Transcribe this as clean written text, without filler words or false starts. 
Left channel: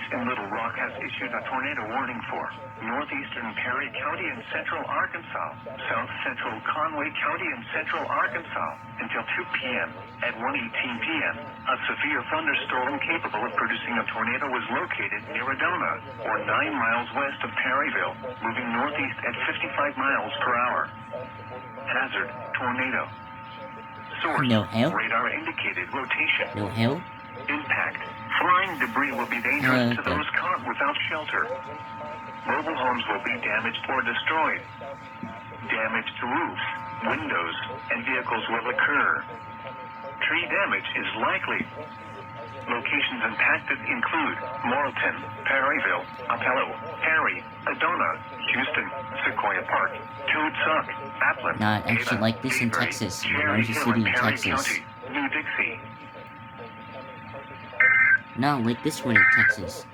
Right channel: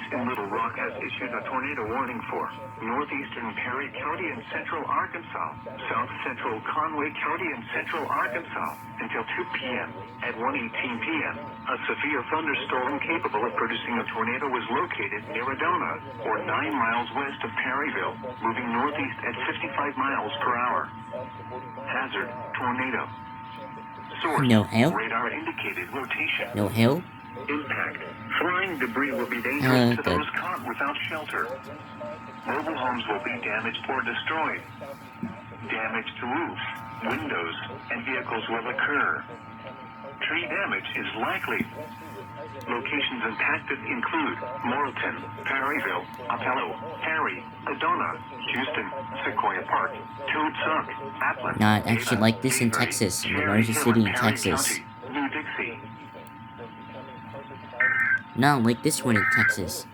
Police in Little Rock has issued a tornado warning for northeastern Perry County and central Arkansas, south central Conway County and central Arkansas until 2 p.m. At 1:18 p.m., a severe thunderstorm capable of producing a tornado was located near Adona, or 9 miles west of Perryville, moving northeast at 55 miles per hour. Hazard, tornado. Source, No hell? radar indicated rotation. No hell? Impact. Flying debris will be dangerous to Okay. those caught without shelter. Mobile homes will be damaged or destroyed. Damage to roofs, windows, and vehicles will occur. Tree damage is likely. Locations impacted include Morrilton, Perryville, Apello, Perry, Adona, Houston, Sequoia Park, Toad Suck, Appleton, Nah, I actually Ada, like this in Avery, Texas, in the Cherry largest Hill, city and in Perry Texas. County, New Dixie. No, like this one in Texas.